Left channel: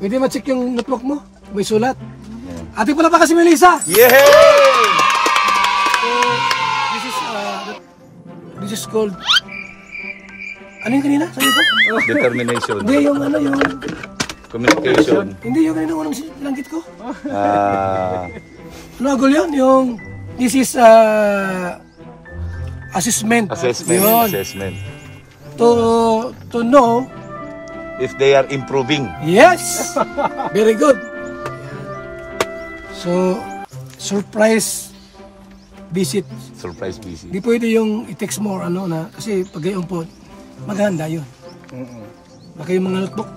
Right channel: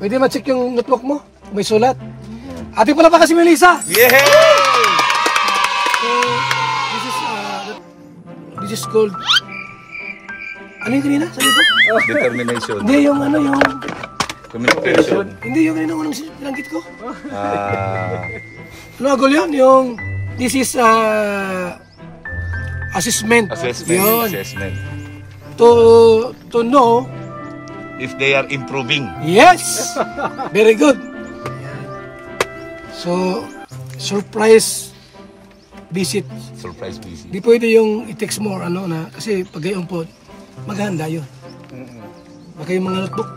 Pwede ma-check yung notebook mo? May sulat. Ate pala pa kasi Melissa. Yay! So, this is called... Ano yung kanina? Sabi ko? Determination. Hindi, yung ano, yung... Communication. Hindi, yung kanina unang langgit ko. Nagol yun, yung... This is assessment. Assessment. Yun. Assessment. To know... If they are improving. Yes! Very good. So, surprise visit. Surprise visit. Di pwede yung i-text mo or ano na, kasi pag gayon po, maghanda yun. Baka yung mga notebook,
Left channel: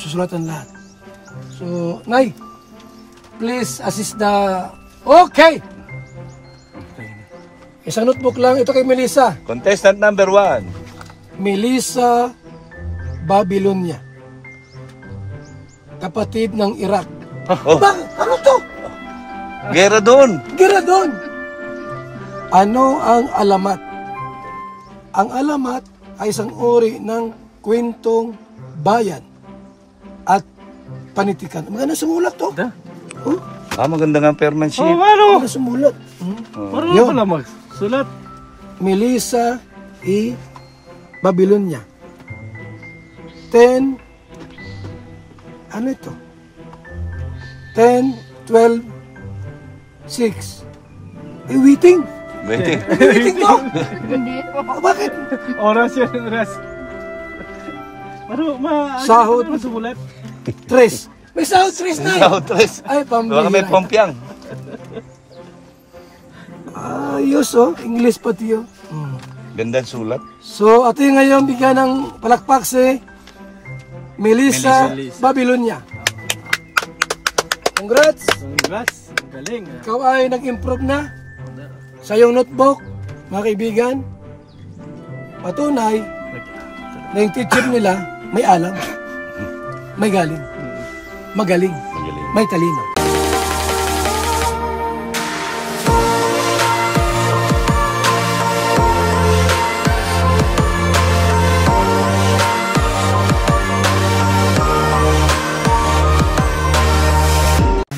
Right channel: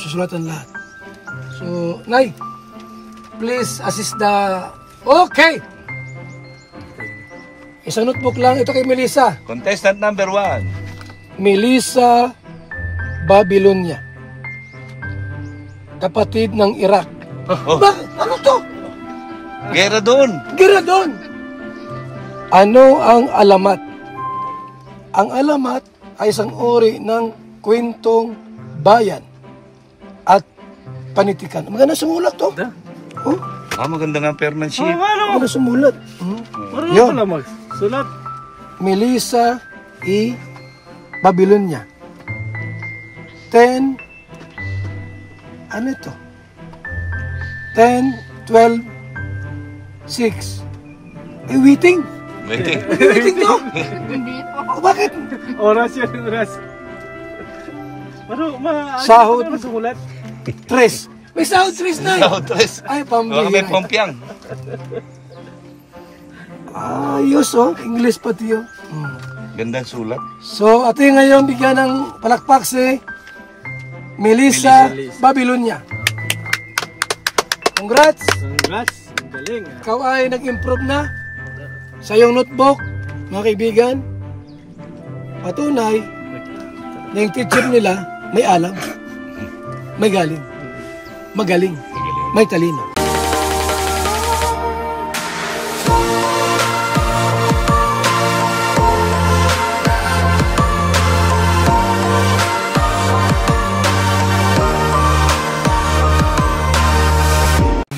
susulatan lahat. So, Nay, please assist the... Okay! Isang notebook lang, ito kay Melissa. Contestant number 1. Melissa Babylonia. Kapatid ng Iraq. Oh. Ano to? Gera doon. Gira doon. Ano ang alamat? Ang alamat ay isang uri ng kwentong bayan at panitikan. Maganda sumulat to. Oh, Maganda nga penmanship. maganda sumulat. Yun. Sulat. Melissa E. Babylonia. 10, ano ito? 10, 12, 6. Waiting. Waiting. Waiting to. Bakit? Oras yun, oras. Sahod. Sulat. 3. May sahod 3 na. Sahod 3. Ay, pambihira. May pompiang. Ayos oh. English pati oh. Gandang sulat. So, ato yung ngayon bigyan ng palakpak si Melissa Babylonia. Congrats! Congrats. Ang galing. Ikaw ay nag-improve na sa iyong notebook, mga kaibigan. Patunay na yung teacher nila may alam, may galing, magaling, may talino.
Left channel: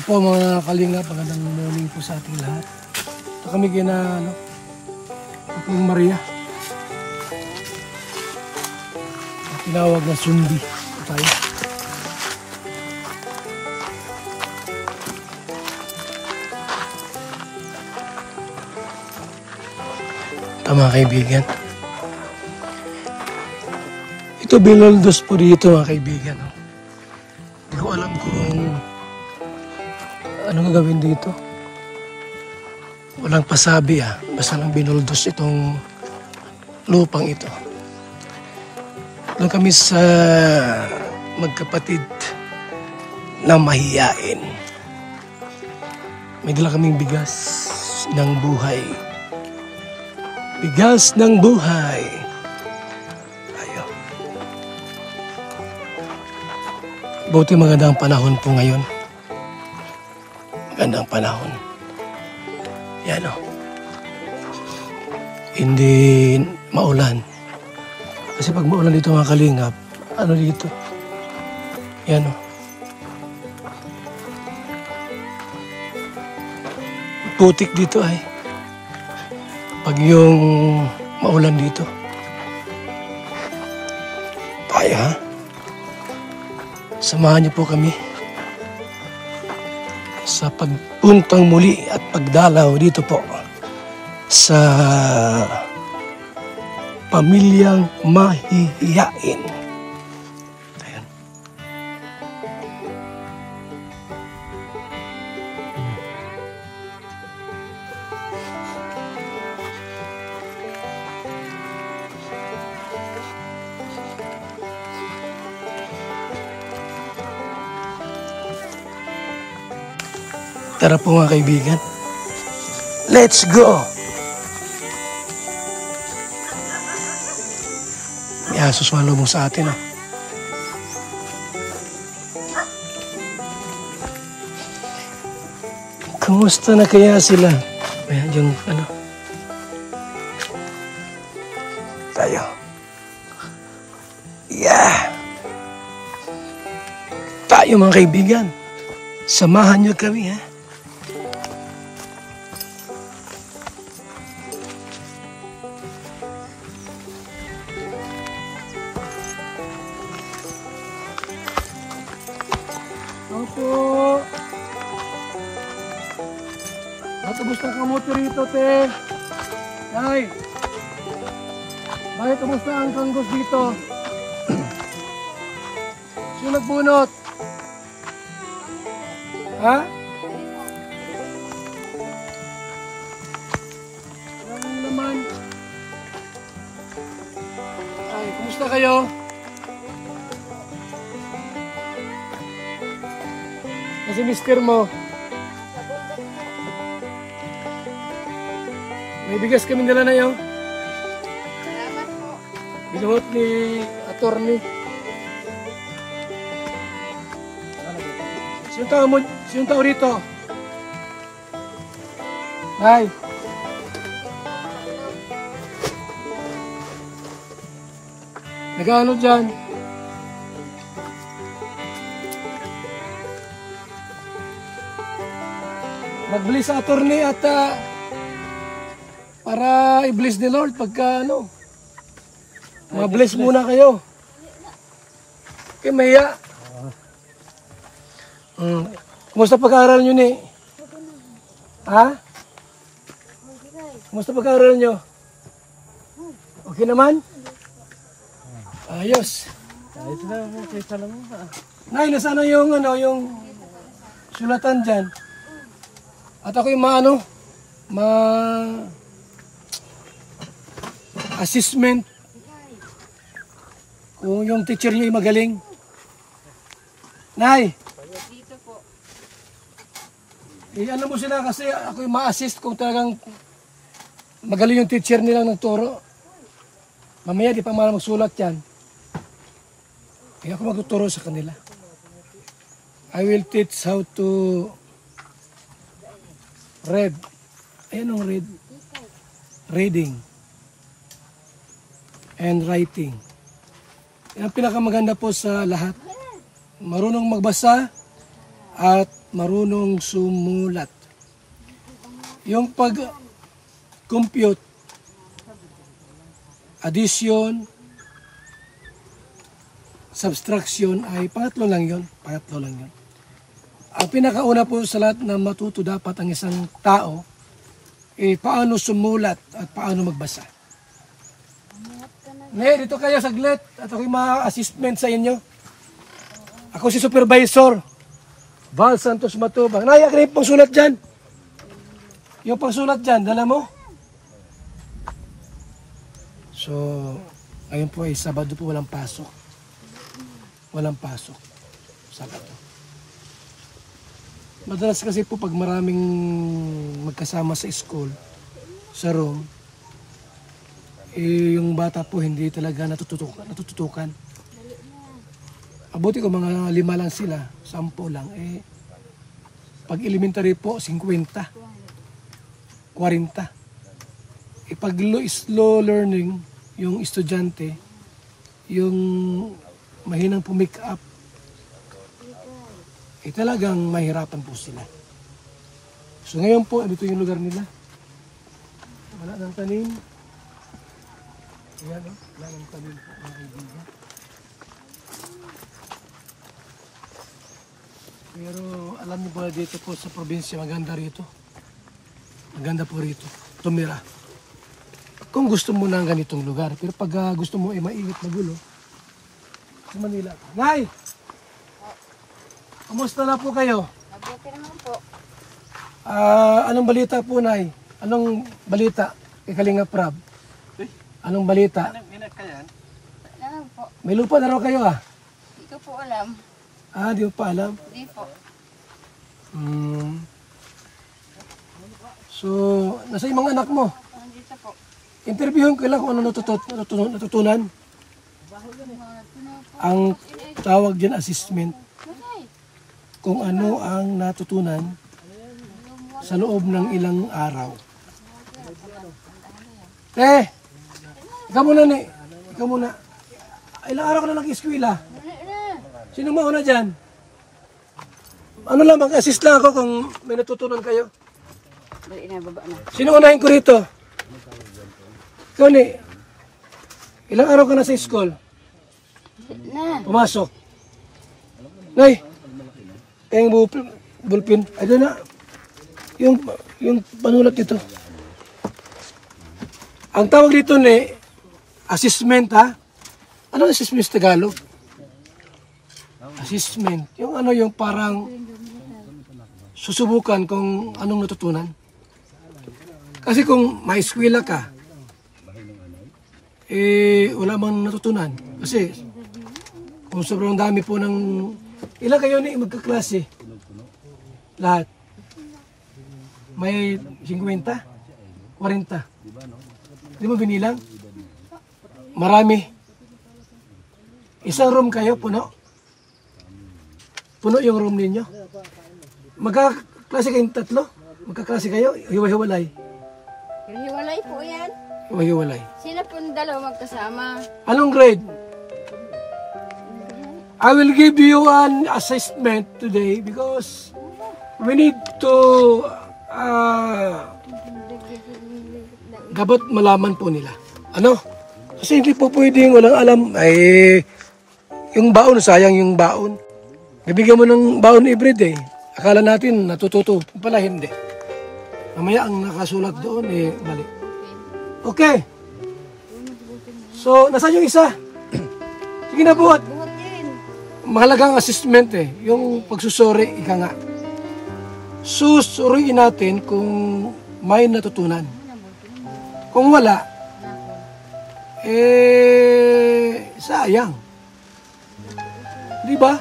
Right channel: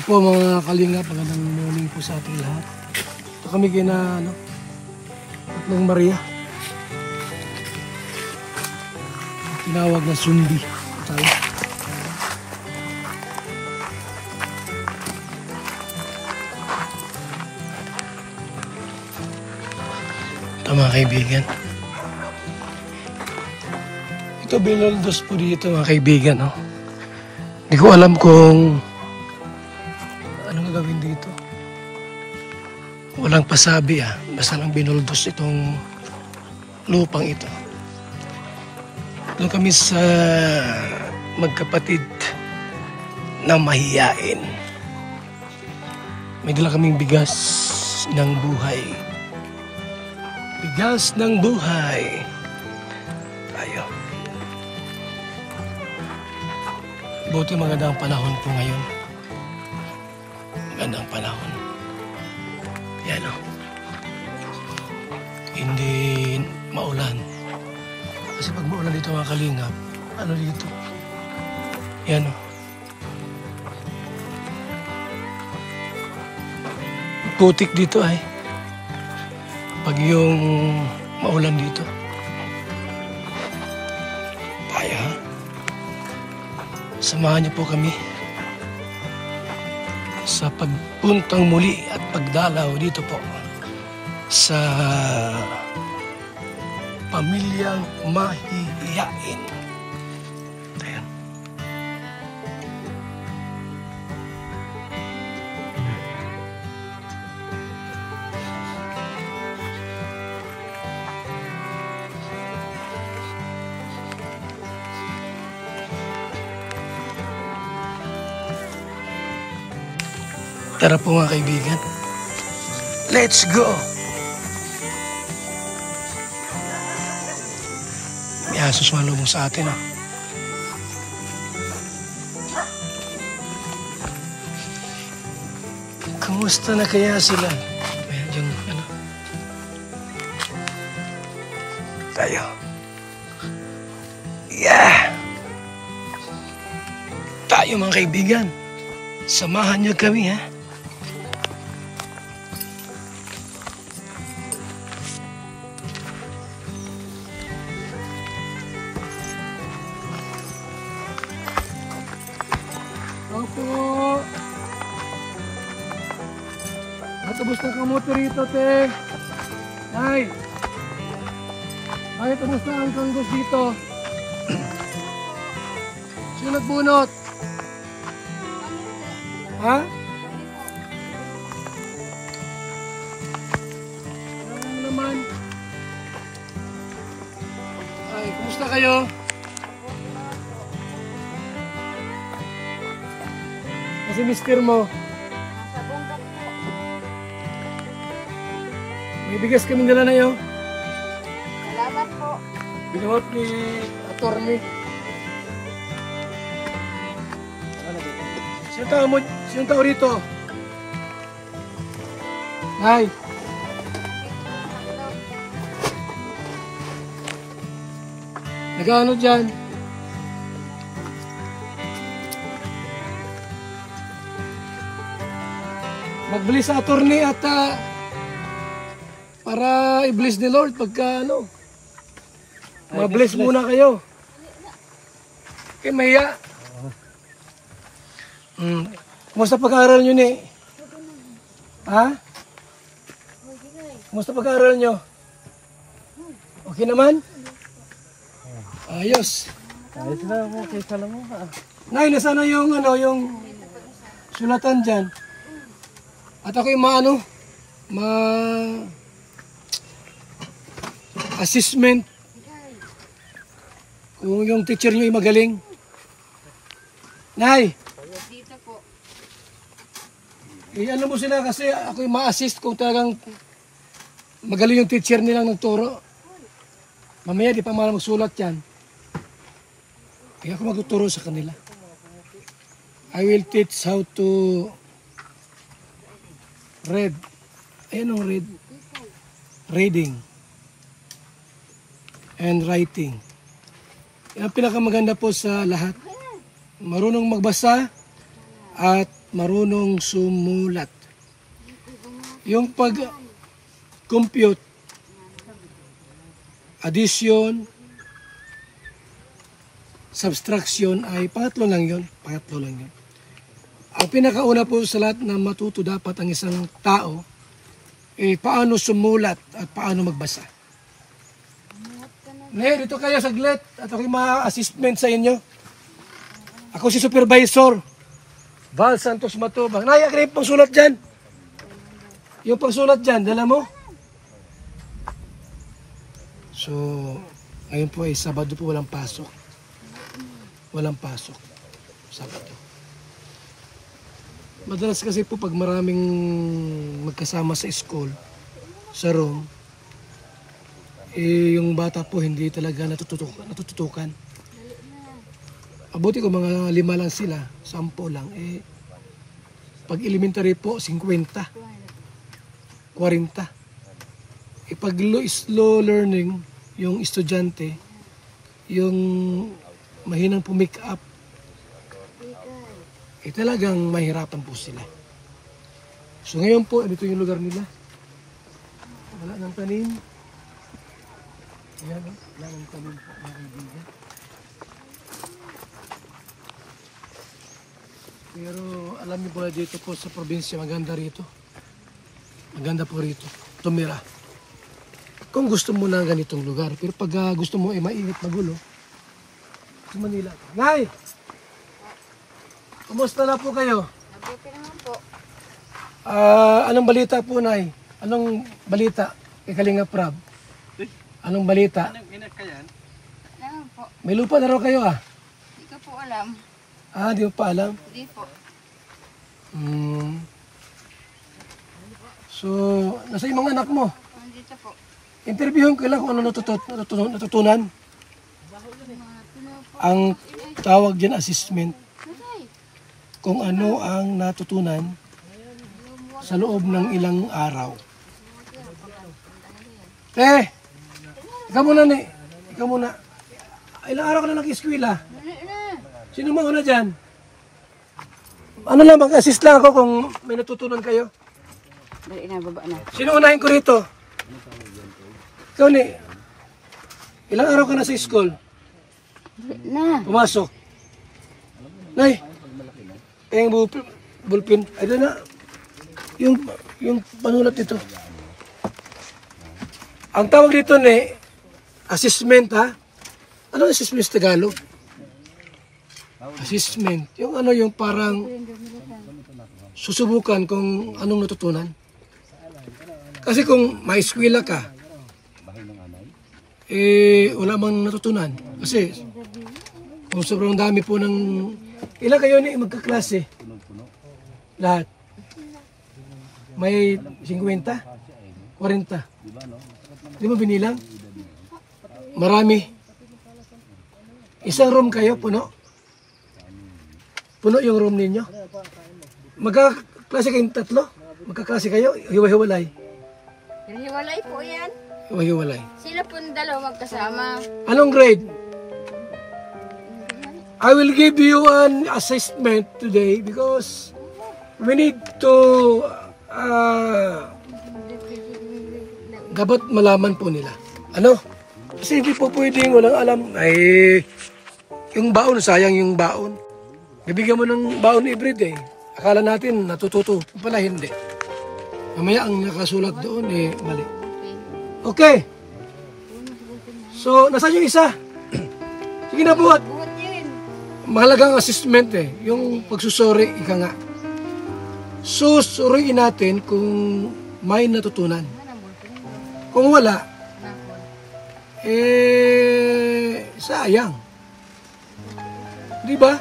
Po mga kalinga, magandang morning po sa ating lahat. Ito kami kina Tatlong Maria. Tinawag na sundi. Ito tayo. Ito mga kaibigan. Ito binaldos po dito mga kaibigan. No? Hindi ko alam kung anong gawin dito? Walang pasabi basta lang binuldos itong lupang ito. Doon kami sa magkapatid na mahiyain. May dala kaming bigas ng buhay. Bigas ng buhay. Ayo. Buti magandang panahon po ngayon. Gandang panahon. Yan o. Hindi maulan. Kasi pag maulan dito mga kalingap, ano dito? Yan o. Putik dito ay. Pag yung maulan dito. Tayo ha. Samahan niyo po kami sa pagpuntang muli at pagdalaw dito po sa pamilyang mahihiyain. Ayan. Tara po mga kaibigan. Let's go! Yan, suswalo mo sa atin Kamusta na kaya sila? Ayan, yung ano. Tayo. Yeah! Tayo. tayo mga kaibigan. Samahan niyo kami, ha? Opo. Matubos na kamote rito, te. Nay. Bakit kumusta ang kanggos dito? Sino nagbunot? Ha? Ano naman? Ay, kumusta kayo? Kasi mister mo. May bigas kami nila na yun. Salamat po. Binuot ni attorney. Sino tao rito? Ay. Nag-ano dyan? Magbili sa attorney at para i-bless ni Lord pagka ano. Mag-bless muna kayo. Okay, Maya. Kumusta pag-aaral nyo ni? Ha? Kumusta pag-aaral nyo? Okay naman? Ayos. Ayos na mo, kaysa lang mo. Nay, nasaan na yung, yung sulatan dyan? At ako yung assessment kung yung teacher nyo ay magaling. Nay! Dito po. Ano mo sila kasi ako yung ma-assist kung talagang magaling yung teacher nilang nagturo. Mamaya di pa malang magsulat yan. Kaya ako magtuturo sa kanila. I will teach how to read. Ayan ang read. Reading. And writing. Yan ang pinakamaganda po sa lahat. Marunong magbasa at marunong sumulat. Yung pag-compute, addition, subtraction ay pangatlo lang yun. Ang pinakauna po sa lahat na matuto dapat ang isang tao paano sumulat at paano magbasa. Ne, dito kayo saglit at ako yung ma-assessment sa inyo. Ako si supervisor, Val Santos Matubang. Nay, akin yung pangsulat dyan. Yung pangsulat dyan, dala mo. So, ayun po ay Sabado po walang pasok. Walang pasok. Sabado. Madalas kasi po pag maraming magkasama sa school, sa room, yung bata po hindi talaga natututukan. Abuti ko mga 5 lang sila, 10 lang. Pag elementary po, 50, 40. Pag slow learning, yung estudyante, yung mahinang pumick up, talagang mahirapan po sila. So ngayon po, dito yung lugar nila. Wala nang tanim. Ayan, wala nang tanim po, mga kaibigan. Pero alam niyo po na dito po sa probinsya, maganda rito. Maganda po rito, tumira. Kung gusto mo ng ganitong lugar. Pero pag gusto mo mainit magulo, sa Manila. Nay! Kumusta na po kayo? Mabuti naman po. Anong balita po, Nay? Anong balita kay Kalinga Prab? Anong balita? Ano po? May lupa na raw kayo Hindi ko po alam. Di mo pa alam? Hindi po. So, nasa yung mga anak mo? Nandito po. Interviewin ko lang kung ano natutunan. Ang tawag dyan assessment. Kung ano ang natutunan sa loob ng ilang araw. Ikaw muna ni. Ikaw muna. Ilang araw ka na nag-eskwela? Sino mauna dyan? Ano lang, mag-assist lang ako kung may natutunan kayo. Dali na, baba na. Sino unahin ko rito? Tony, ilang araw ka na sa school? Na. Pumasok. Nay, kayang bulpin. Ay, doon na. Yung panulat dito. Ang tawag dito ni assessment, ha? Ano assessment sa Tagalog? Assessment. Yung ano yung parang susubukan kung anong natutunan. Kasi kung may eskwela ka, wala mang natutunan. Kasi kung sobrang dami po ng... Ilan kayo na magkaklase? Lahat. May 50? 40? Di mo binilang? Marami. Isang room kayo, puno? Puno yung room ninyo? Magkaklase kayong tatlo? Magkaklase kayo? Hiwa-hiwalay? Hiwalay po yan. Hiwa-hiwalay. Sila po ng dalawa magkasama. Anong grade? I will give you an assessment today because we need to dapat malaman po nila. Ano? Kasi hindi po pwedeng walang alam. Ay, yung baon, sayang yung baon. Nabigyan mo ng baon everyday. Akala natin natututo. Pala hindi. Mamaya ang nakasulat doon, mali. Okay. So, nasaan yung isa? Sige na, buhat. Buhat din. Mahalagang assessment yung pagsusuri, ika nga. Susuriin natin kung may natutunan. Kung wala, sayang. Di ba?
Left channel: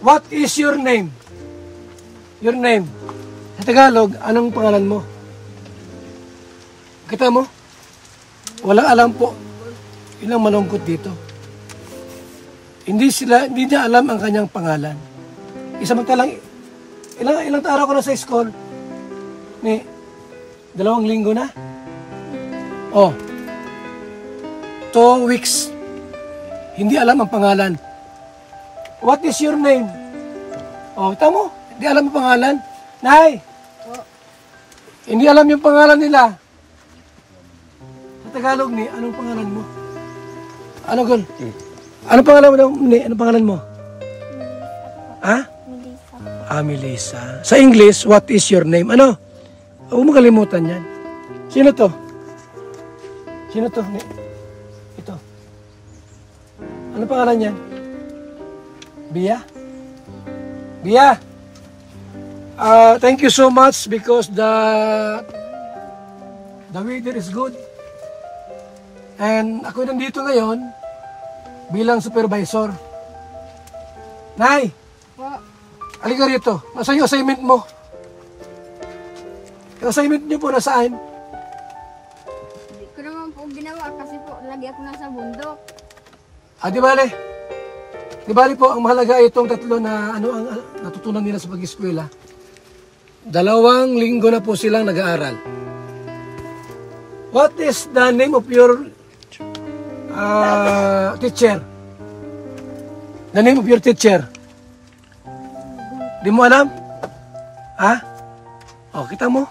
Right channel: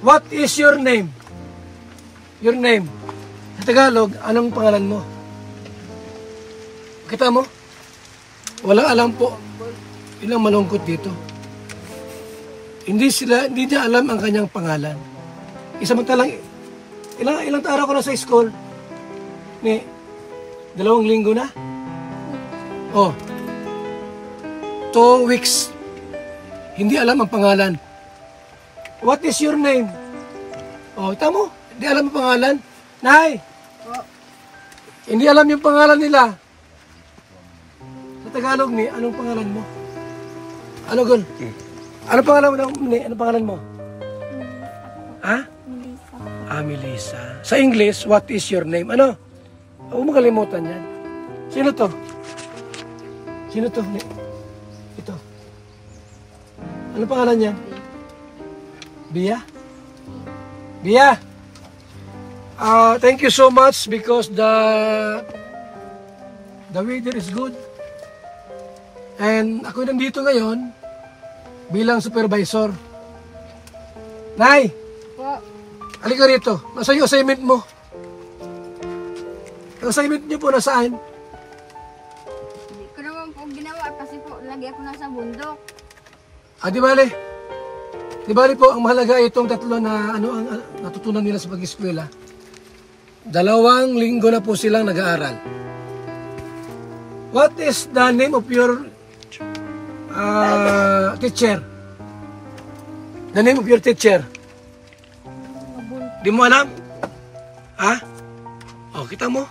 What is your name? Your name. Sa Tagalog, anong pangalan mo? Kita mo? Walang alam po. Ilang malungkot dito. Hindi niya alam ang kanyang pangalan. Isamantalang, ilang araw ko na sa school? 2 linggo na? Oh. 2 weeks. Hindi alam ang pangalan. What is your name? Oh, tamo. Hindi alam ang pangalan. Nay! Hindi alam yung pangalan nila. Sa Tagalog anong pangalan mo? Ano, Gol? Anong pangalan mo? Anong pangalan mo? Ha? Melissa. Melissa. Sa English, what is your name? Ano? Huwag mo kalimutan yan. Sino to? Sino to? Ito. Ano pangalan yan? Bia? Bia! Thank you so much because the weather is good. And ako nandito ngayon bilang supervisor. Nay! Halika rito. Nasaan yung assignment mo? Yung assignment niyo po nasaan? Hindi ko naman po ginawa kasi po lagi ako nasa bundok. Di bale. Di bale po, ang mahalaga itong tatlo na ano ang natutunan nila sa pag-eskwela. 2 linggo na po silang nag-aaral. What is the name of your teacher? The name of your teacher? Di mo alam? Ha? O, kita mo?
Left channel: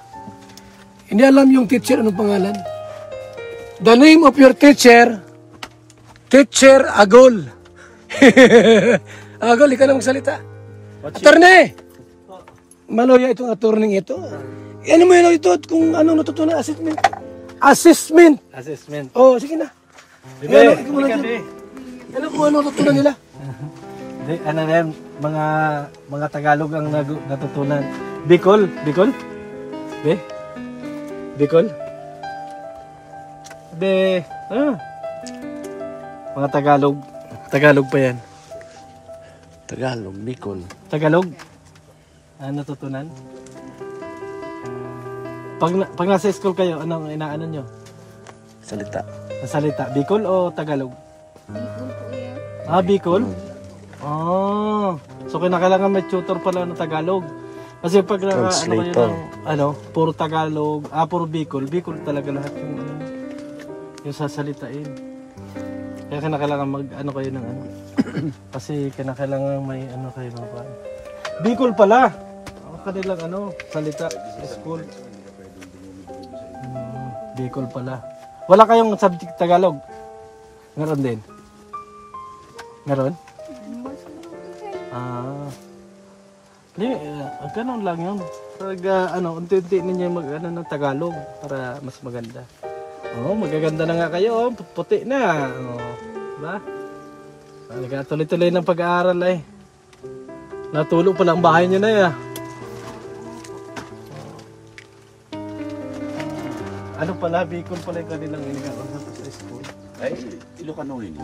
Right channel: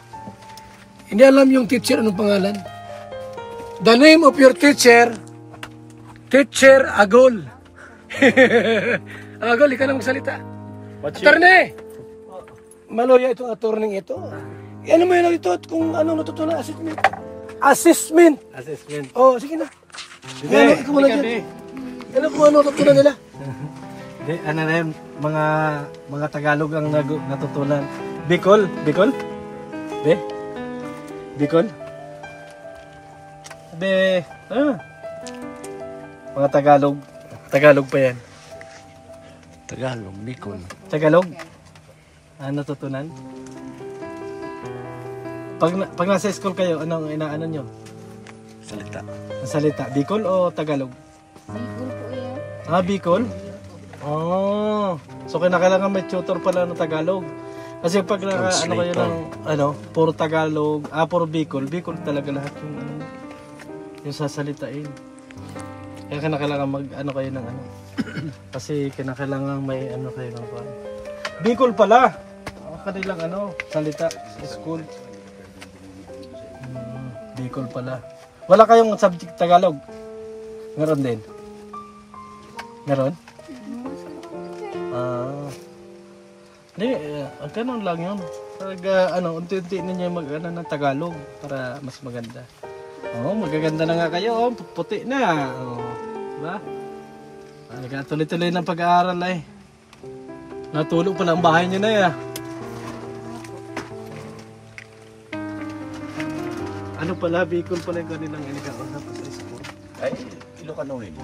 Hindi alam yung teacher anong pangalan. The name of your teacher, Teacher Agol. Agol, ikaw na magsalita. Attorney! Maloya itong attorney ito. Ano mo yun ito kung ano natutunan assessment? Assessment! Assessment. Oh, sige na. Bigay, Ikaw muna dyan. Ano kung ano natutunan nila? Di, ano na yan, mga Tagalog ang natutunan. Bicol? Bicol? Be? Bicol? Be, mga Tagalog. Tagalog pa yan. Tagalog, Bicol. Tagalog? Natutunan? Pag nasa school kayo, anong inaano nyo? Salita. Ang salita, Bicol o Tagalog? Bicol po yan. Bicol? So kinakailangan may tutor pala ng Tagalog. Kasi pag puro Tagalog, puro Bicol talaga lahat yung yung sasalitain. Kaya kinakailangan mag-ano kayo ng ano. Kasi kinakailangan may ano kayo ng pa. Bicol pala. Ang kanilang ano, salita sa school. Bicol pala. Wala kayong subject Tagalog? Meron din? Meron? Hindi, ganun lang yun. Pag unti-unti ninyo mag-ano ng Tagalog para mas maganda. Magaganda na nga kayo, puti na. Diba? Tuloy-tuloy ng pag-aaral eh. Natulog pala ang bahay nyo na eh. Ano pala, Bicol pala yung kanilang ginagawa sa school. Ay, Ilocano yun.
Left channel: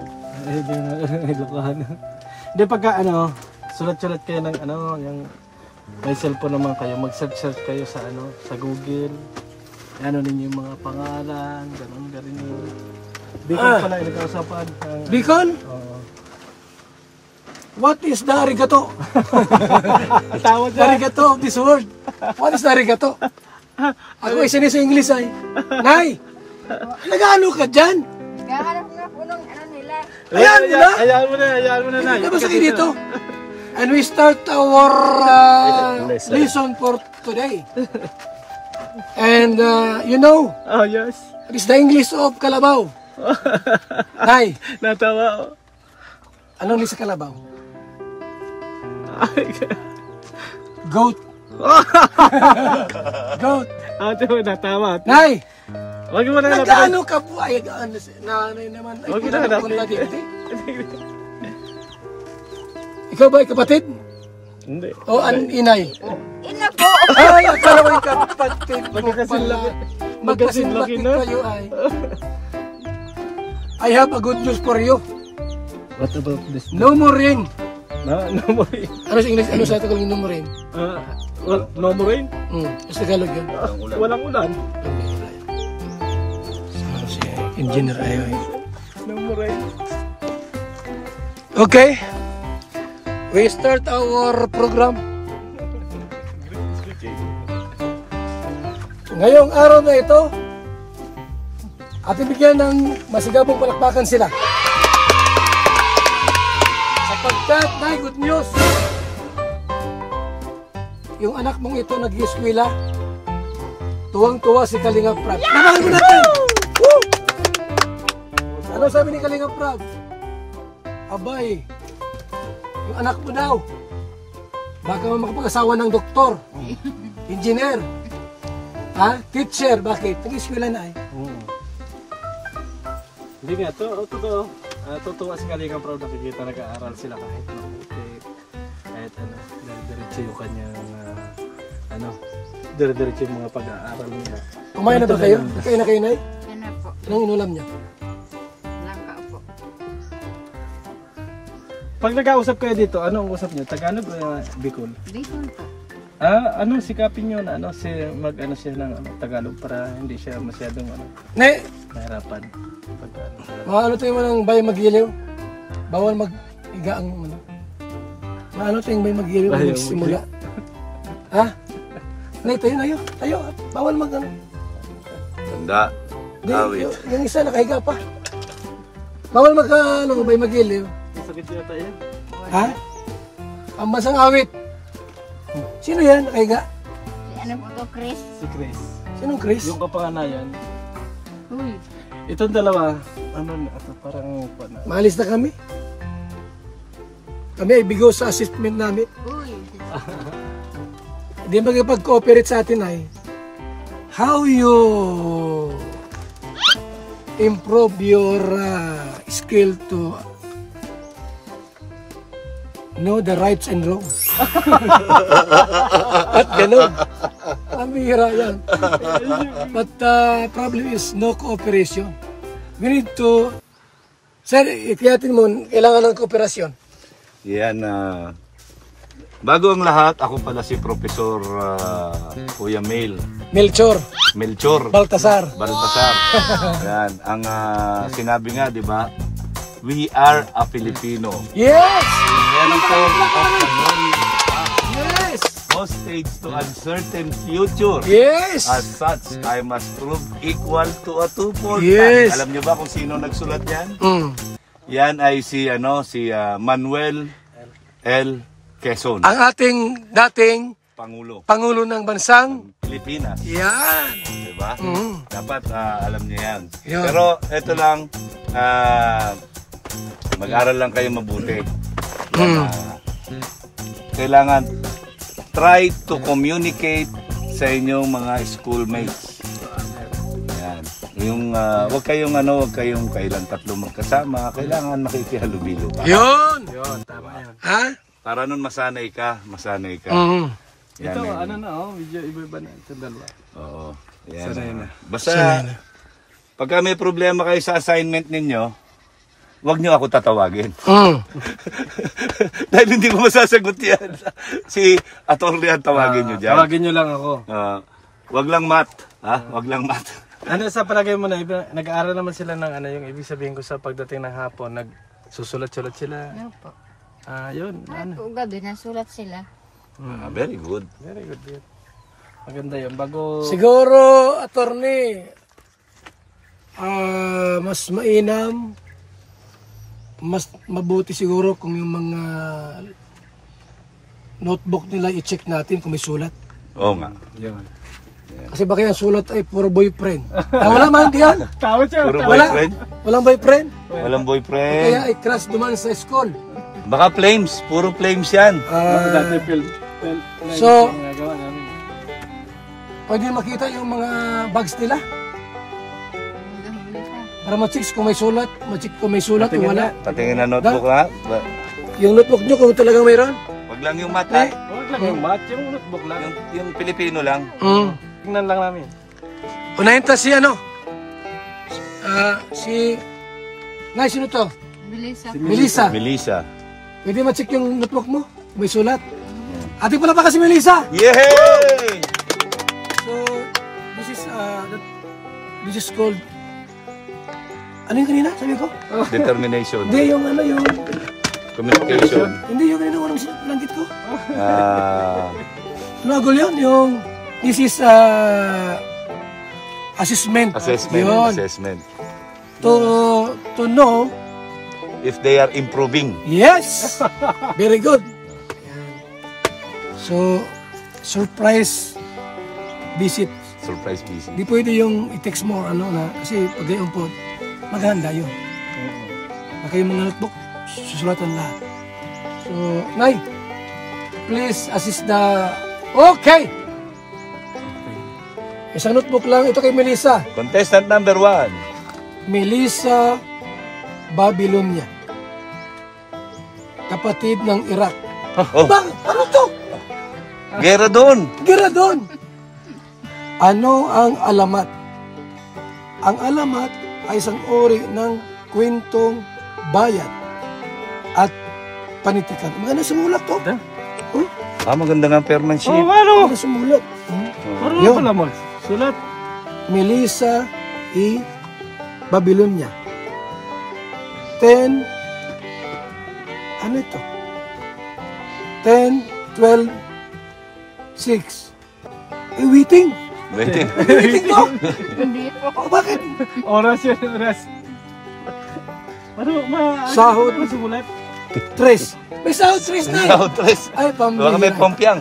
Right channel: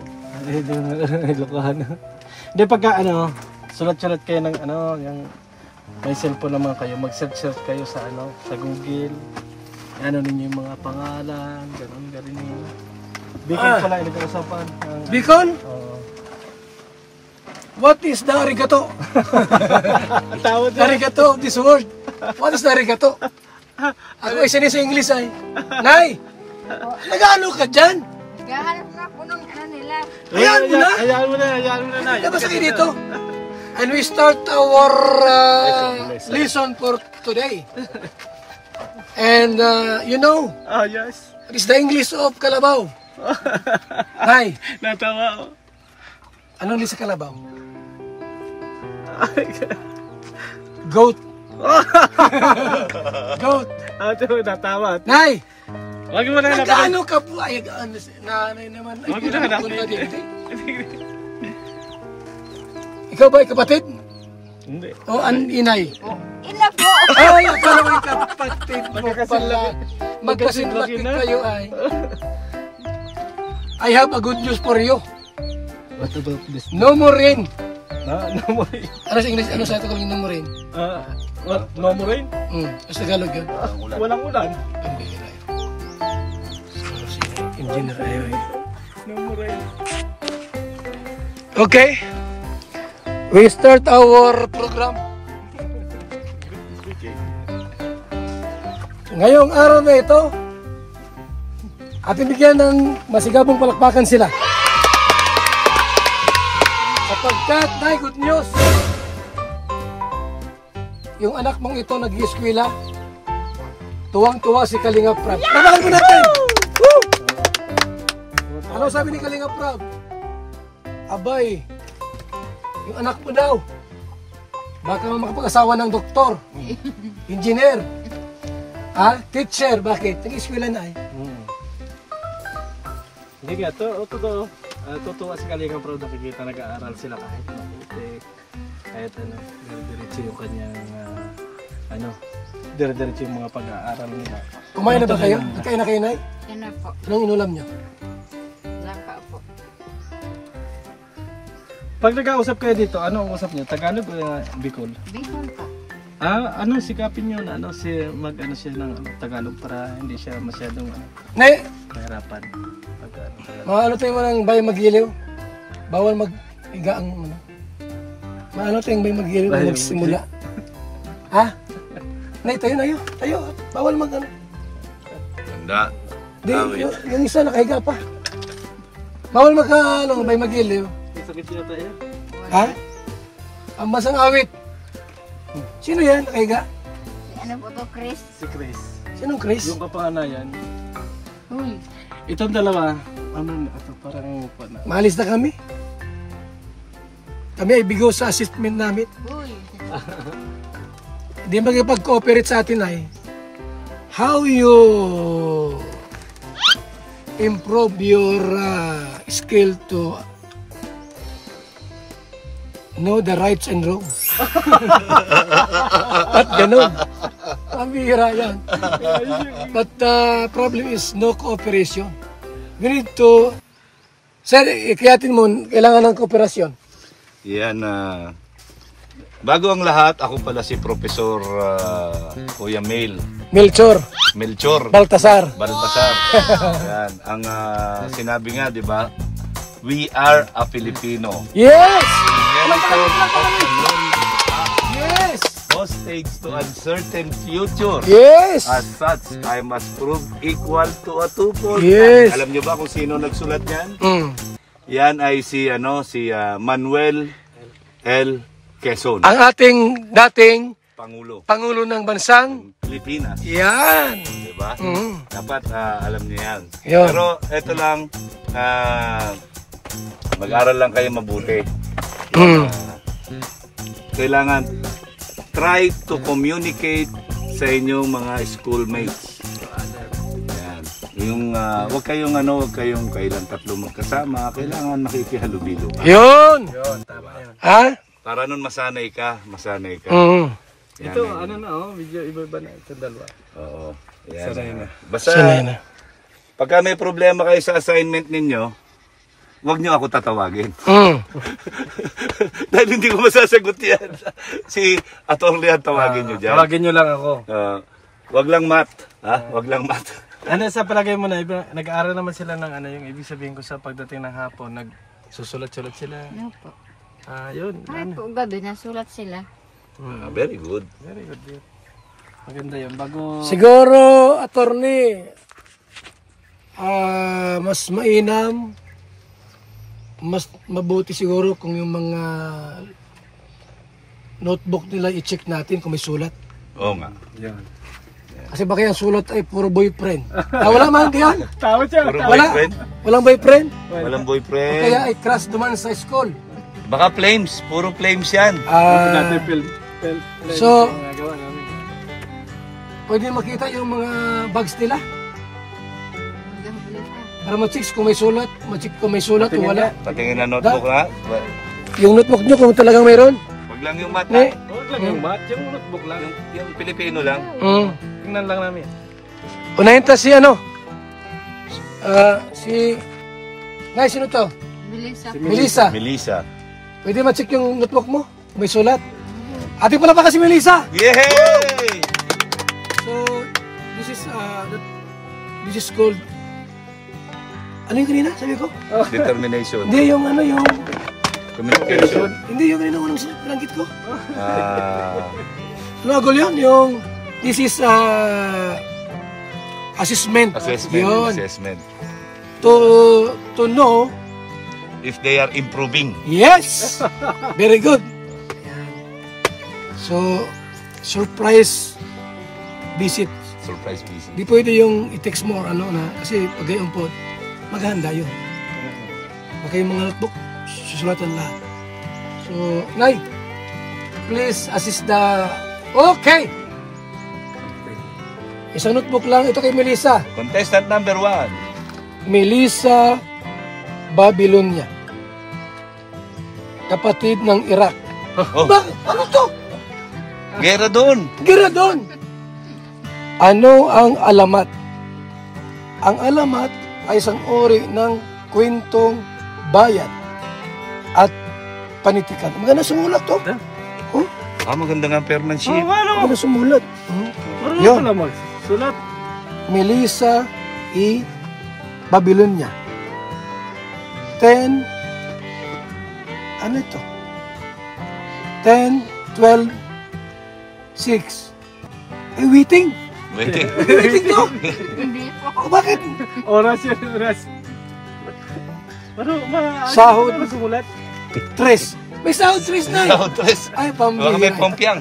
Ilocano. Hindi, pagka sulat-sulat kayo ng yung may cellphone naman kayo, mag-search kayo sa sa Google. Ano ninyo yung mga pangalan, ganun yun. Bicol pala yung nag-uusapan. Bicol? What is the arigato? Tawad The arigato of this world. What is the arigato? Ako ay sinis sa English ay. Nay! Nag-ano ka dyan? Naghahanap nga po ng ano nila. Hayaan mo na! Hayaan mo na. Nabasa kayo dito. And we start our lesson for today. And you know, Oh, yes. what is the English of Kalabaw? Nay, Natawa. anong English sa Kalabaw? Goat. Goat. Ito, natawa. Nay! Huwag mo na hanapin. Nag-ano ka po? Ay, nanay naman. Ay, Huwag mo na hanapin. Ikaw ba ay kapatid? Hindi. O an inay? Ina po! Ay, ikaw ay kapatid mo pala. Magkasinlaki na. kayo ay. I have a good news for you. What about this? No more rain. No more rain. Ano sa English? Ano sa Tagalog no more rain? No more rain? Sa Tagalog yan. Walang ulan. Ang bihira yun. Si engineer ayaw. No more rain. Okay. We start our program. Ngayong araw na ito, ating bigyan ng masigabong palakpakan sila. Sapagkat, may good news. Yung anak mong ito nag-ieskwela, tuwang-tuwa si Kalingap Prab. Tamaan mo natin! Woo! Ano sabi ni Kalingap Prab? Abay, yung anak mo daw, baka makapag-asawa ng doktor, engineer, teacher, bakit? Nag-ieskwela na eh. Hindi nga, totoo. Totoo si Kalingap Prab, nakikita nag-aaral sila kahit mabuti. Kahit dire-diretso yung kanyang, dire-diretso yung mga pag-aaral nila. Kumain na ba kayo? Kain na kayo, Nay? Ano po? Anong inulam niyo? Langka po. Pag nag-ausap kayo dito, ano ang usap niyo? Tagalog o Bicol? Bicol po. Sikapin niyo na mag-ano siya ng Tagalog para hindi siya masyadong Nay, kahirapan. maano tayo mo ng bay mag-iliw? Bawal mag-iga ang maano tayong bay mag-iliw ang nagsimula? Ha? Nay, tayo. Bawal mag-ano. Handa. Di, yung isa nakahiga pa. Bawal bay mag-iliw. Sakit siya tayo. Ha? Ang basang awit. Sino yan nakahiga? Ano po to, Chris? Si Chris. Sinong Chris? Yung kapanganayan. Uy. Itong dalawa, parang Maalis na kami. Kami ay bigo sa assessment namin. Uy. Hindi magpag-cooperate sa atin ay how you improve your skill to know the rights and wrongs. At ganun. Ang bihira yan. But the problem is no cooperation. We need to... Sir, ikayatin mo, kailangan ng kooperasyon. Yan, bago ang lahat, ako pala si Professor Kuya Melchor. Melchor Baltasar. Yan, ang sinabi nga, di ba? We are a Filipino. Yes! Yes! No stakes to uncertain future. Yes! As such, I must prove equal to a twofold. Yes! Alam niyo ba kung sino nagsulat yan? Yan ay si Manuel L. Quezon, Ang ating dating Pangulo ng bansang Pilipinas. yan. Diba? Mm. Dapat alam niyo yan. Yun. Pero ito lang, mag-aral lang kayo mabuti. Mm. Kailangan try to communicate sa inyong mga schoolmates. Yan. Yung wag kayong kailan tatlo magkasama, kailangan makikihalubilo pa. Yun. Ha? Para nun masanay ka. Mm. Yan, Ito, yan. medyo iba-iba na ito dalawa. Oo. Yan. Sanay na. Basta, Sanay na. pagka may problema kayo sa assignment ninyo, wag nyo ako tatawagin. Mm. Dahil hindi ko masasagot yan. Si attorney ang tawagin nyo dyan. Tawagin nyo lang ako. Wag lang math. Wag lang math. Ano sa palagay mo na, nag-aaral naman sila ng yung ibig sabihin ko sa pagdating ng hapon, nagsusulat-sulat sila. Ano po? Yun. Ay po, gabi, nasulat sila. Very good. Very good. Yun. Maganda yun. Bago... Siguro, attorney, mas mainam, mas mabuti siguro kung yung mga notebook nila i-check natin kung may sulat. Oo nga. Yan. Kasi baka yung sulat ay puro boyfriend. Wala man kaya? Tawad siya. Puro Wala. boyfriend. Walang boyfriend? Walang Kaya boyfriend. ay crush duman sa school. Baka flames. Puro flames yan. Dati So, pwede makita yung mga bags nila. Para ma-check kung may sulat, kung may sulat o wala. Patingin na notebook ha. Yung notebook nyo kung talagang mayroon. Wag lang yung math. Eh, yung mat, yung notebook lang. Yung Pilipino lang. Tingnan lang namin. Unahin ta si Nay, sino to? Melissa. Melissa. Pwede ma-check yung notebook mo? May sulat. Ate pala pa kasi Melissa. Yay! So, this is called, ano yung kanina? Sabi ko? Determination. Hindi, yung Communication. hindi yung kanina unang langgit ko. Ah, Sinagol yun, this is assessment. Yun. Assessment. To know, If they are improving. yes! Very good. So, surprise visit. Surprise visit. Di pwede yung i-text mo kasi pag gayon po, maghanda yun. Baka yung mga notebook, susulatan lahat. So, Nay, please assist the... Okay! Isang notebook lang, ito kay Melissa. Contestant number 1. Melissa Babylonia. Kapatid ng Iraq. Ano to? Gera doon. Gira doon. Ano ang alamat? Ang alamat ay isang uri ng kwentong bayan at panitikan. Maganda sumulat to. Maganda ng penmanship. Maganda sumulat. Yun. Sulat. Melissa E. Babylonia. 10. Ano ito? 10, 12, 6. Waiting. Waiting. Waiting to. Hindi po. Bakit? Oras yun. Oras. Sahod. Sulat. 3. May sahod 3 na. Autos. Ay, Baka may pambihira. pompiang.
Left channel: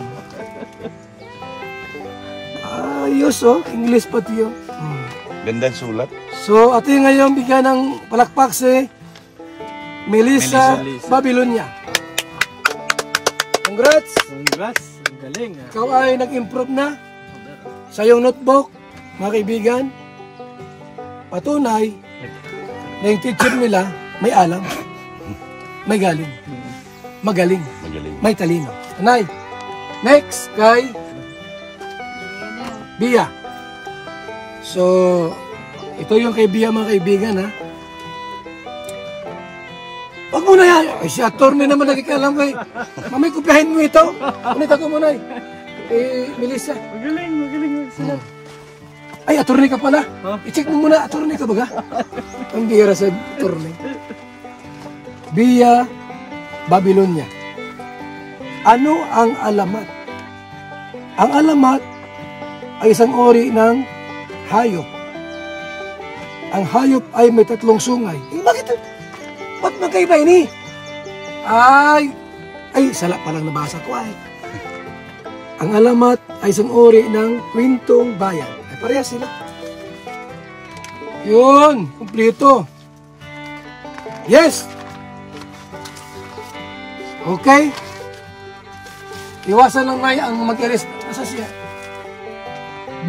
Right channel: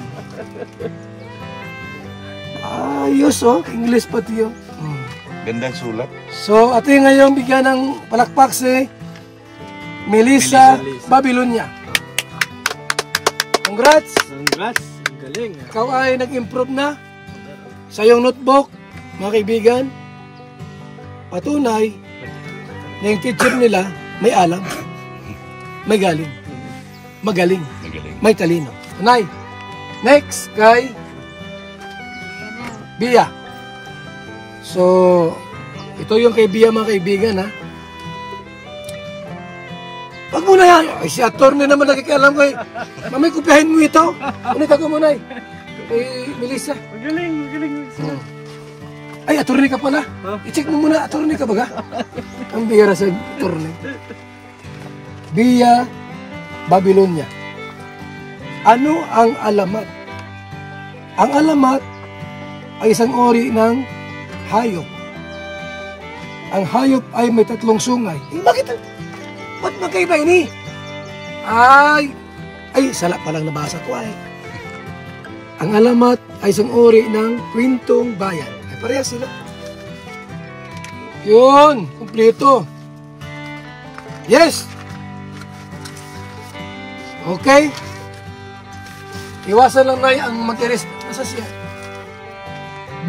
Ayos English pati yun. Gandang sulat. So, ato yung ngayon bigyan ng palakpak si Melissa Babylonia. Congrats! Congrats. Ang galing. Ikaw ay nag-improve na sa iyong notebook, mga kaibigan. Patunay na yung teacher nila may alam, may galing, magaling, may talino. Nay, next kay Bia. So, ito yung kay Bia, mga kaibigan, ha. Wag mo na yan. Ay, si attorney naman nagkikialam kay. Mamay, kupiahin mo ito. Ulit ako muna kay Melissa. Magaling. Ay, attorney ka pala. I-check mo muna, attorney ka baga? Ang bihira sa attorney. Bia Babylonia. Ano ang alamat? Ang alamat ay isang ori ng hayop. Ang hayop ay may 3 sungay. Bakit Ba't magkaiba ini? Ay, sala palang nabasa ko ay. Ang alamat ay isang uri ng kwentong bayan. Ay, parehas sila. Yun, kumpleto. Yes! Okay? Iwasan lang na ang mag-erase. Asa siya?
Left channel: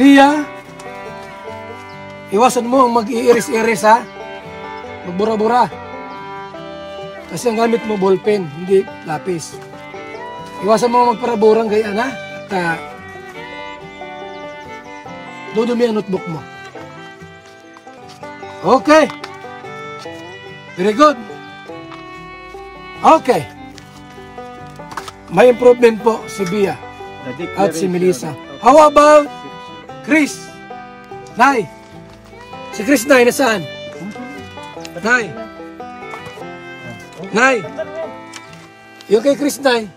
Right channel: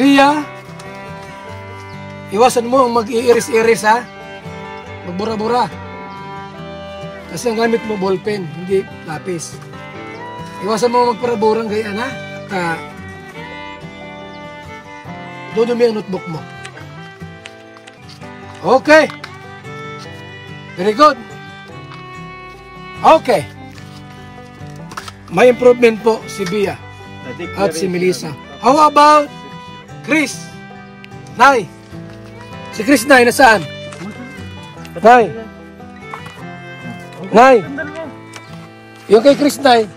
Bia, iwasan mo ang mag-i-iris-iris ha. Magbura-bura. Kasi ang gamit mo ballpen, hindi lapis. Iwasan mo magparaburang gayaan ha. Dudumi ang notebook mo. Okay. Very good. Okay. May improvement po si Bia at si Melissa. How about Chris? Nay. Si Chris Nay, nasaan? Nay. Nay. Yung kay Chris Nay.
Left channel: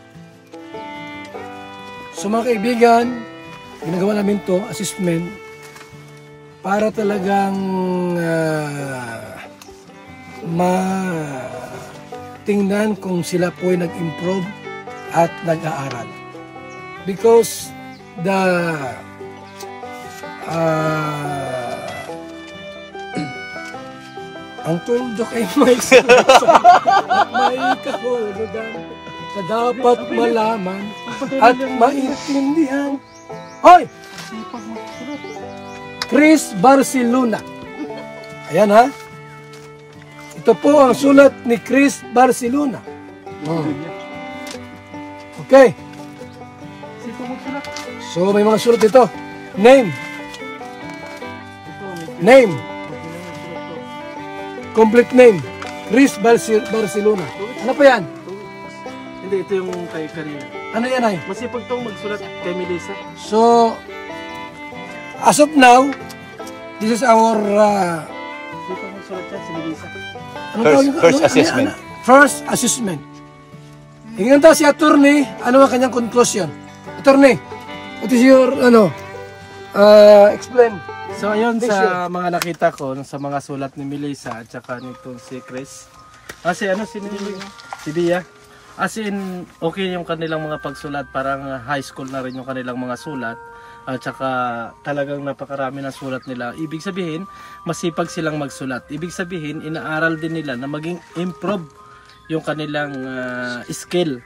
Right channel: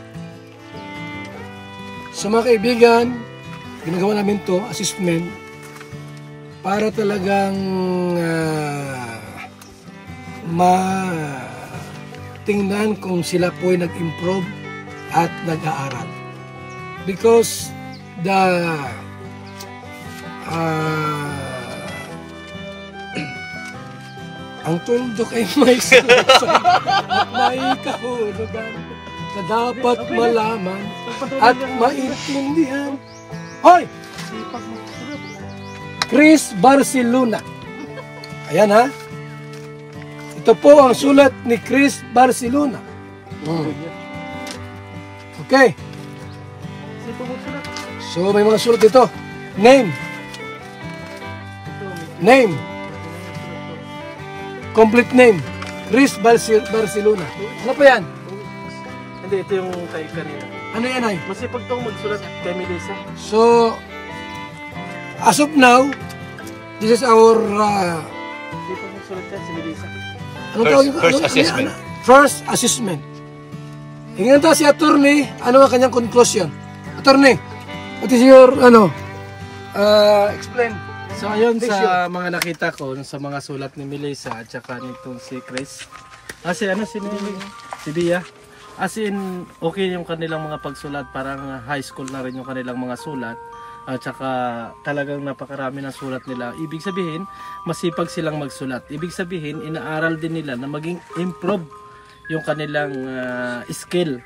Sa mga kaibigan, ginagawa namin to assessment para talagang matingnan kung sila po ay nag-improve at nag-aaral. Because ang tuldok ay may sagot at may kahulugan na dapat malaman at maintindihan. Hoy! Chris Barcelona. Ayan ha. Ito po ang sulat ni Chris Barcelona. Okay. So may mga sulat dito. Name. Name. Complete name. Chris Barcelona. Ano pa yan? Hindi, ito yung kay Karina. Ano yan ay? Masipag itong magsulat kay Melissa. So, as of now, this is our Dito magsulat yan si Melissa. First assessment. First assessment. Hingin tayo si attorney, ano ang kanyang conclusion? Attorney, what is your, explain. So ayun sa mga nakita ko, sa mga sulat ni Melissa at saka nito si Chris. Kasi si Bia. As in, okay yung kanilang mga pagsulat, parang high school na rin yung kanilang mga sulat. At saka talagang napakarami ng sulat nila. Ibig sabihin, masipag silang magsulat. Ibig sabihin, inaaral din nila na maging improve yung kanilang skill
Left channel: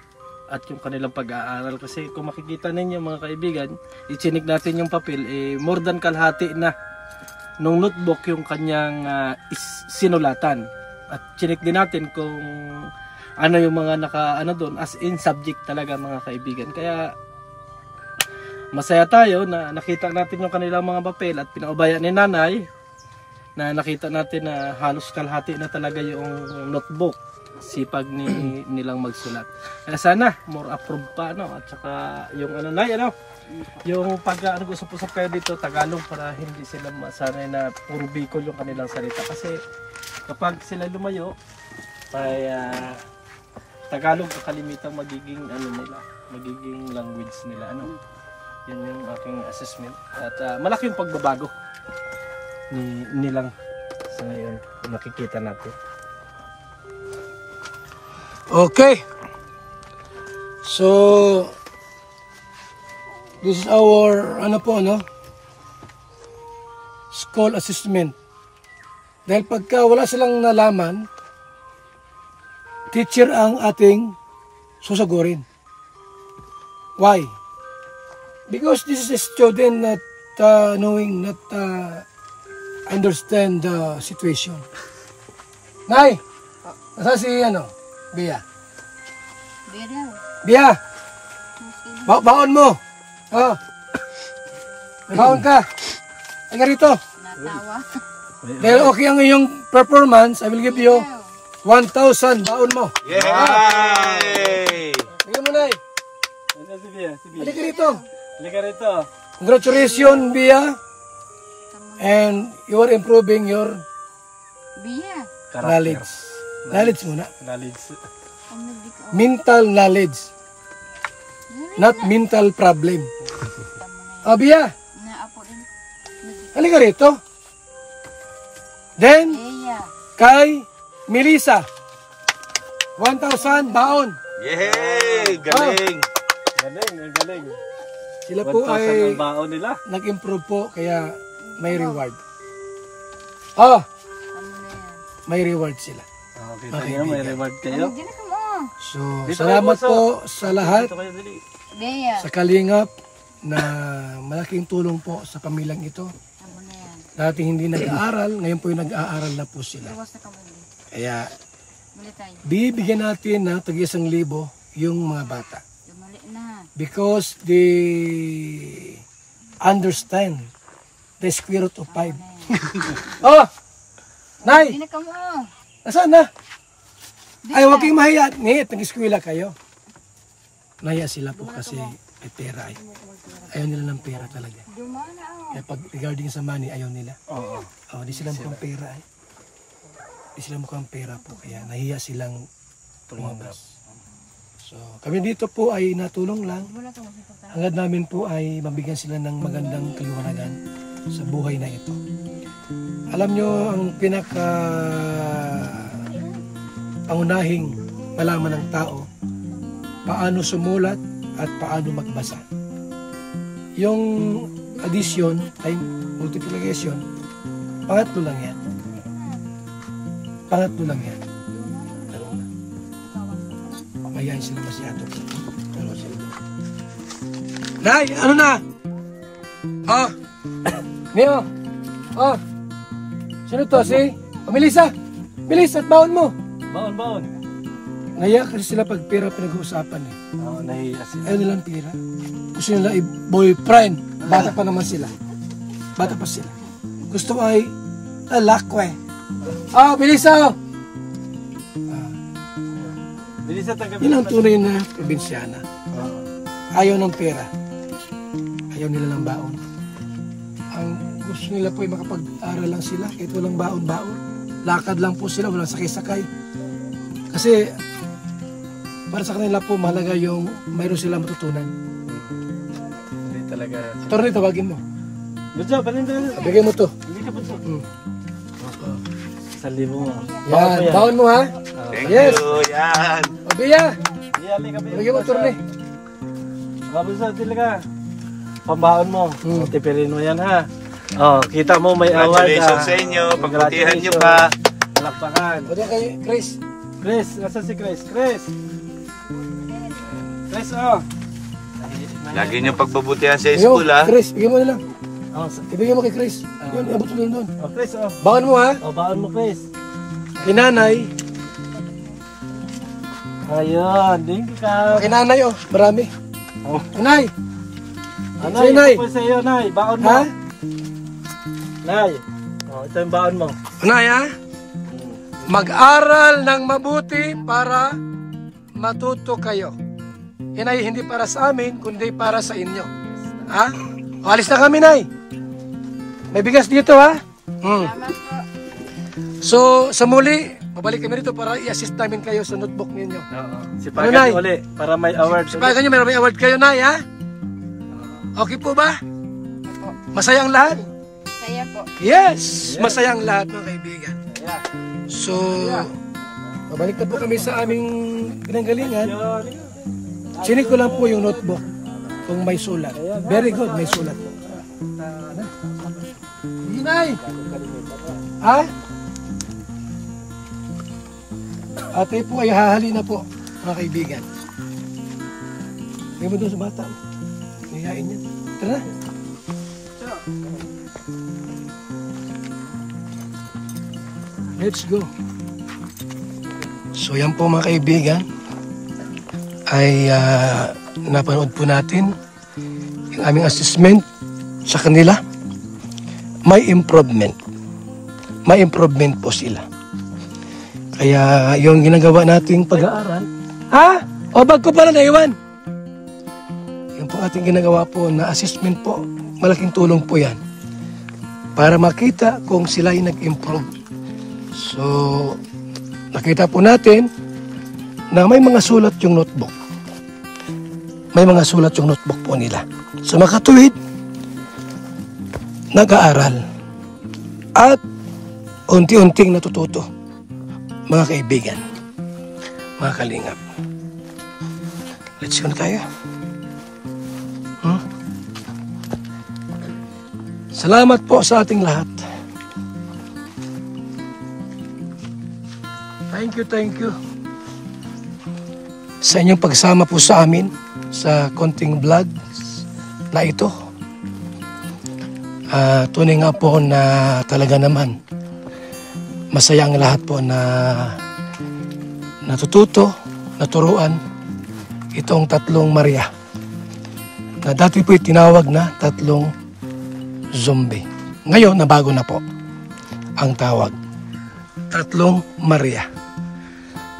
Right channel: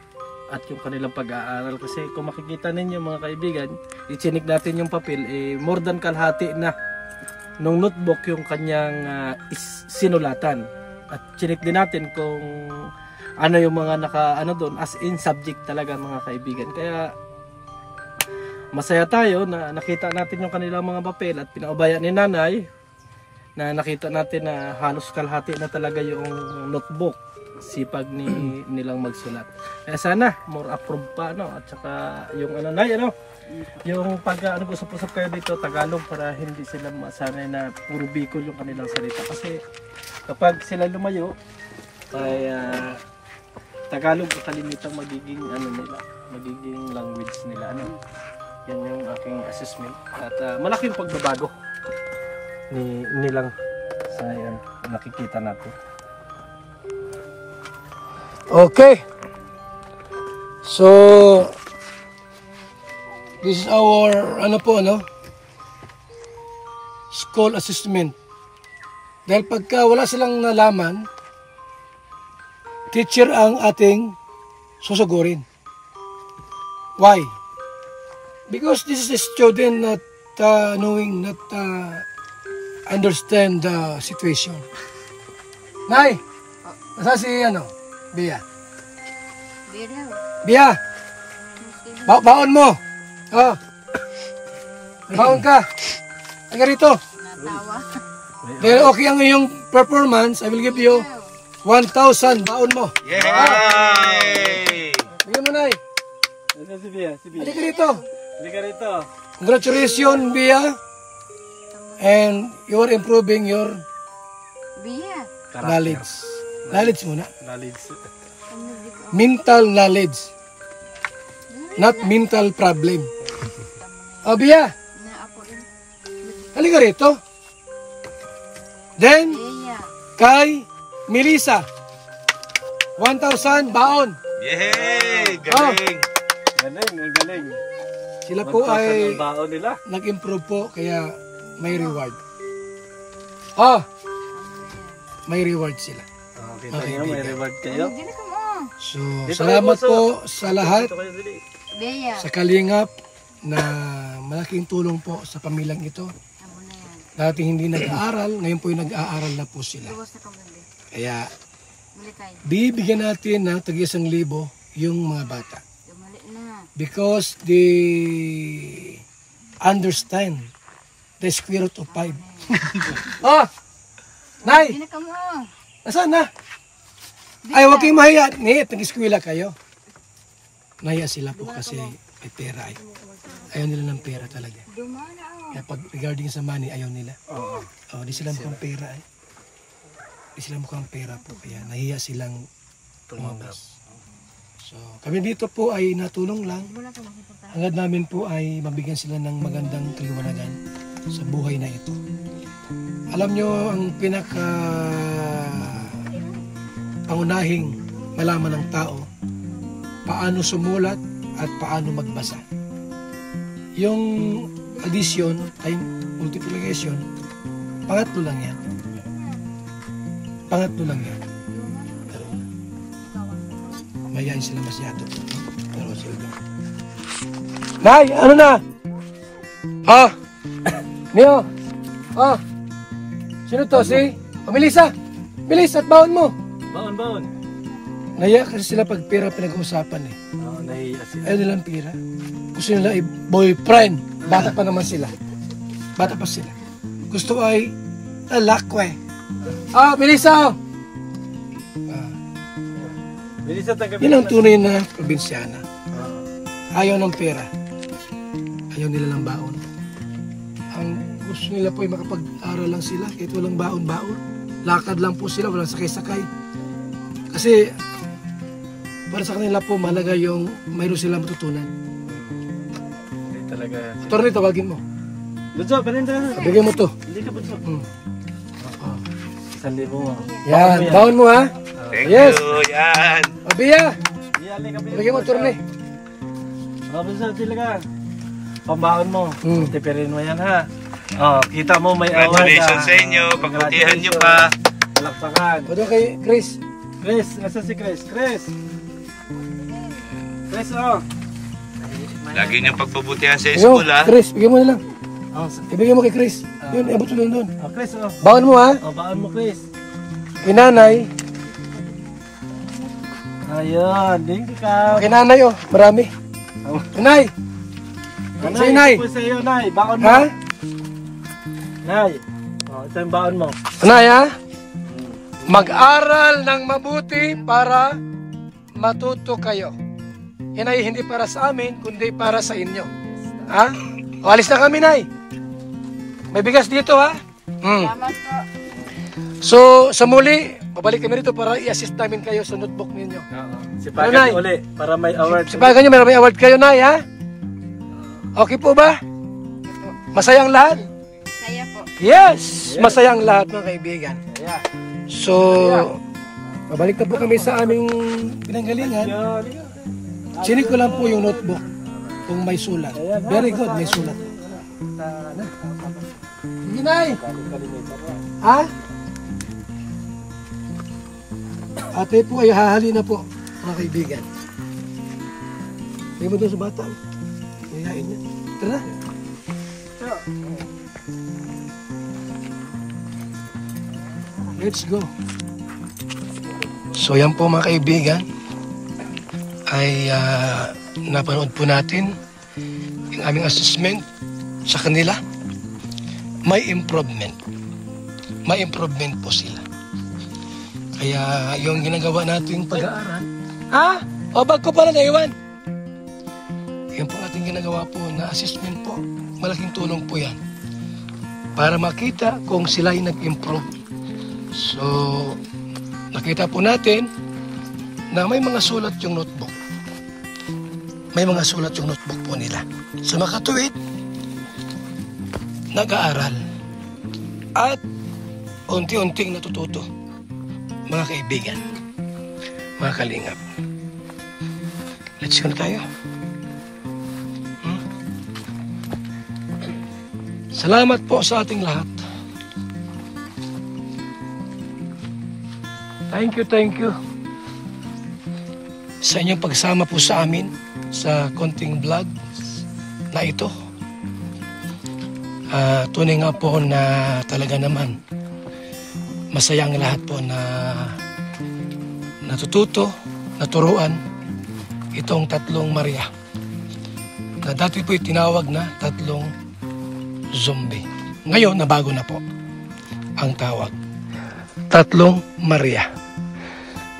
at yung kanilang pag-aaral. Kasi kung makikita ninyo mga kaibigan, ichinik natin yung papel, more than kalahati na nung notebook yung kanyang sinulatan. At chinik din natin kung ano yung mga doon, as in subject talaga mga kaibigan. Kaya masaya tayo na nakita natin yung kanilang mga papel at pinaubaya ni nanay na nakita natin na halos kalahati na talaga yung notebook. Sipag nilang magsulat. Kaya sana more approved pa at saka yung yung pag usap-usap kayo dito Tagalog para hindi sila masanay na puro Bicol yung kanilang salita. Kasi kapag sila lumayo ay Tagalog kalimitang magiging magiging language nila Yan yung aking assessment at malaki yung pagbabago nilang sa nakikita natin. Okay. So, this is our, school assessment. Dahil pagka wala silang nalaman, teacher ang ating susugurin. Why? Because this is a student not understand the situation. Nay, nasa si Bia. Bia. Baon mo. Oh. Baon ka. Ay rito. Natawa. Dahil okay ang iyong performance, I will give you 1,000 baon mo. Yay! Bigyan mo na Si Bia. Halika rito. Halika rito. Congratulations, Bia. And you are improving your Bia. knowledge. Knowledge muna. Knowledge. Mental knowledge. Not mental problem. Bia, Naapo rin. halika rito. Then, Iya. kay Melissa. 1,000 baon. Yay! Galing! Galing, ang galing. Sila po 1,000 ay ang baon nila. nag-improve po kaya may reward. Oh, may reward sila. Kita niyo, may reward kayo. Dili ka mo. So, salamat po sa lahat, Ito kayo, dali. Deya. sa Kalingap na malaking tulong po sa pamilyang ito. Dati hindi nag-aaral, ngayon po yung nag-aaral na po sila. Tuwas na kamali. Kaya Mali tayo. bibigyan natin ng tag-1,000 yung mga bata. Mali na. Because they understand the square root of 5. Oh! Nay! Dili ka mo. Nasaan na? Ay, huwag kayong mahiya. Nit, nag-eskwela kayo. Nahiya sila po kasi may pera ay. Ayaw nila ng pera talaga. Kaya pag regarding sa money, ayaw nila. Oh, di sila mukhang pera ay. Di sila mukhang pera po. Kaya nahiya silang lumabas. So, kami dito po ay natulong lang. Hangad namin po ay mabigyan sila ng magandang kaliwanagan sa buhay na ito. Alam nyo, ang pinaka pangunahing malaman ng tao, paano sumulat at paano magbasa. Yung addition, time multiplication, pangatlo lang yan. Pangatlo lang yan. Pero, mayayain sila masyado po. Pero sila. Nay, ano na? Oh! Neo! Oh! Sino to? Si? Oh, Melissa! Melissa, at baon mo! Baon, baon. Naya kasi sila pag pera pinag-uusapan eh. Oo, nahiya sila. Ayaw nilang pera. Gusto nila ay boyfriend. Bata pa naman sila. Bata pa sila. Gusto ay lalakwe. Ah, Melissa! Oh! Bilis at tanggapin. Yan ang tunay na probinsyana. Oo. Ayaw ng pera. Ayaw nila ng baon. Ang gusto nila po ay makapag-aral lang sila. Kahit walang baon-baon. Lakad lang po sila. Walang sakay-sakay. Kasi para sa kanila po mahalaga yung mayroon silang matutunan. Hindi talaga yan. Pero nito, tawagin mo. Bunso, paninda. Bigyan mo to. Hindi ka bunso. Hmm. 1,000 mo. Yan. Baon mo ha. Thank Yes. you! Yan! Abiya. Diyali ka. Bigyan mo turni. Bunso, dili ka. Pambaon mo. Tipirin mo yan ha. Oh, kita mo may award. Congratulations sa inyo. Pagbutihan nyo pa. Palakpakan. O doon kay Chris. Chris, asa si Chris? Chris. Chris, oh. Lagi nyo pagbabutihan sa Yo, school, ha? Chris, bigyan mo na lang. Oh, Ibigyan mo kay Chris. Yun, abot mo lang doon. oh Chris, oh. Baon mo ha. Oh, baon mo, Chris. Kinanay. Ayun, thank you ka. Kinanay oh. Marami. Oh. Kinay. Nay, Nay. ito po sa iyo, Nay. Baon mo. Ha? Nay. Oh, ito yung baon mo. Kinay ha? Mag-aral ng mabuti para matuto kayo. Yan ay hindi para sa amin, kundi para sa inyo. Ha? O, alis na kami, Nay. May bigas dito, ha? Salamat po. So, sa muli, babalik kami rito para i-assist namin kayo sa notebook ninyo. Oo. Ano, Sipagan Nay? niyo uli para may award. Sipagan nyo, may award kayo, Nay, ha? Okay po ba? Opo. Masayang lahat? Saya po. Yes! Masayang lahat, mga kaibigan. Yeah. So, babalik na po kami sa aming pinanggalingan. Sinig ko lang po yung notebook kung may sulat. Very good, may sulat po. Ano? Sige, Nay! Ha? Ate po ay hahali na po, mga kaibigan. Hindi mo doon sa bata. Mayayain niya. Tara. Let's go. So yan po mga kaibigan ay napanood po natin yung aming assessment sa kanila. May improvement. May improvement po sila. Kaya yung ginagawa nating pag-aaral, ha? O bag ko pala naiwan. Yung po ating ginagawa po na assessment po, malaking tulong po yan. Para makita kung sila ay nag-improve. So, nakita po natin na may mga sulat yung notebook. May mga sulat yung notebook po nila. So, makatuwid, nag-aaral. At unti-unting natututo, mga kaibigan. mga kalingap. Let's go na tayo. Salamat po sa ating lahat. Thank you. Sa inyong pagsama po sa amin sa konting vlog na ito. Tunay nga po na talaga naman masaya ang lahat po na natututo, naturuan itong tatlong Maria na dati po tinawag na tatlong zombie. Ngayon, nabago na po ang tawag. Tatlong Maria.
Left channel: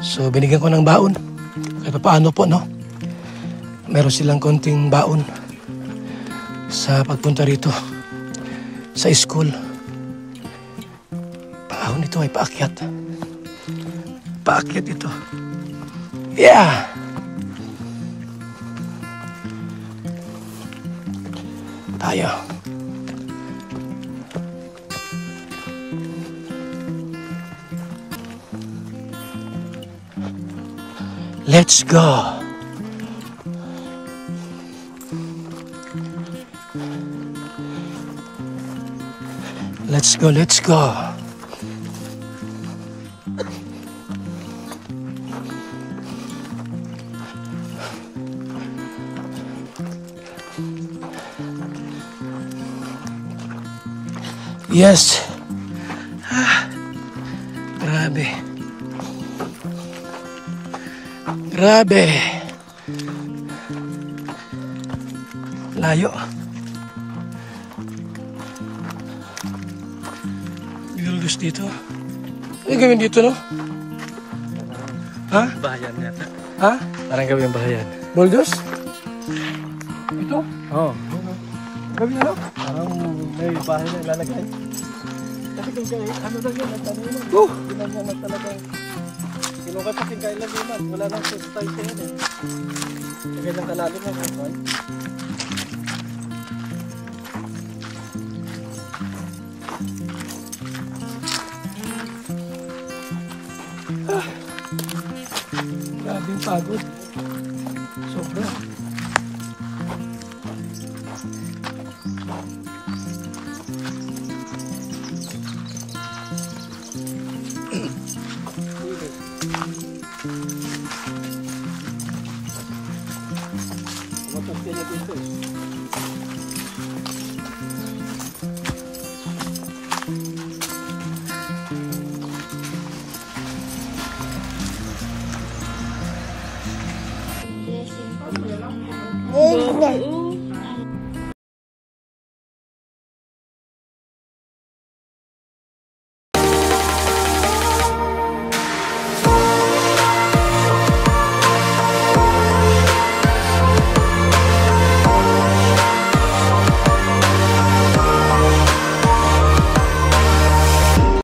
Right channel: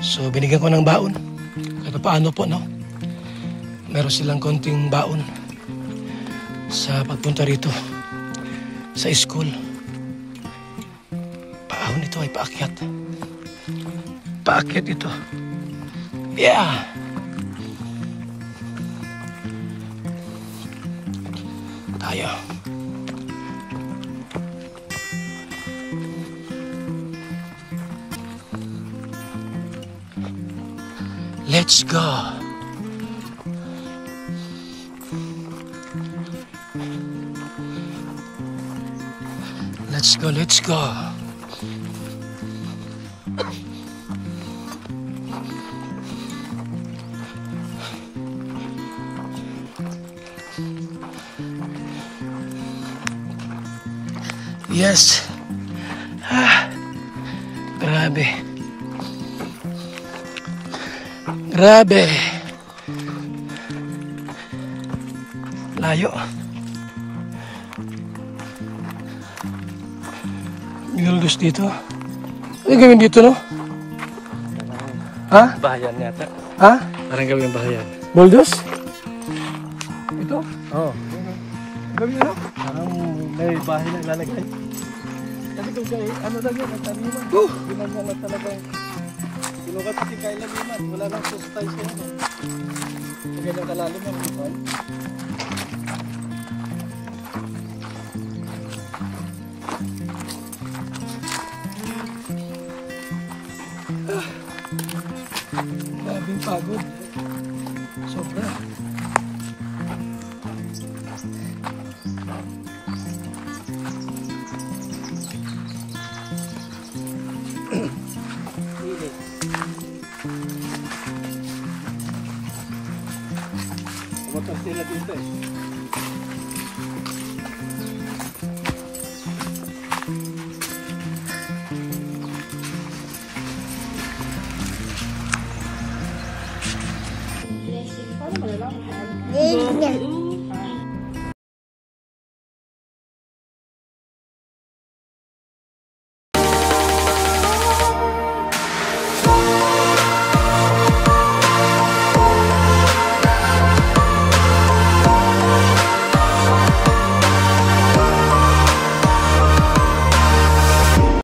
So, binigyan ko ng baon. Ito paano po, no? Meron silang konting baon sa pagpunta rito sa school. Baon ito ay paakyat. Paakyat ito. Yeah! Tayo. Let's go. Let's go. Yes. Grabe. Layo. Nilulus dito. Ano gawin dito, no? Ha? Bahayan yata. Ha? Parang gawin bahayan. Buldos? Ito? Oo. Gawin na? Parang may bahay na ilalagay. Kasi kung kayo, ano lang yun, ang taniman. Ginanyan na talagang sinukat kasing kailaliman. Wala nang sistay siya yan eh. Sa ganyang kalalim ng hukay. Grabe yung pagod. Sobra. Init. Pumatak sila dito eh.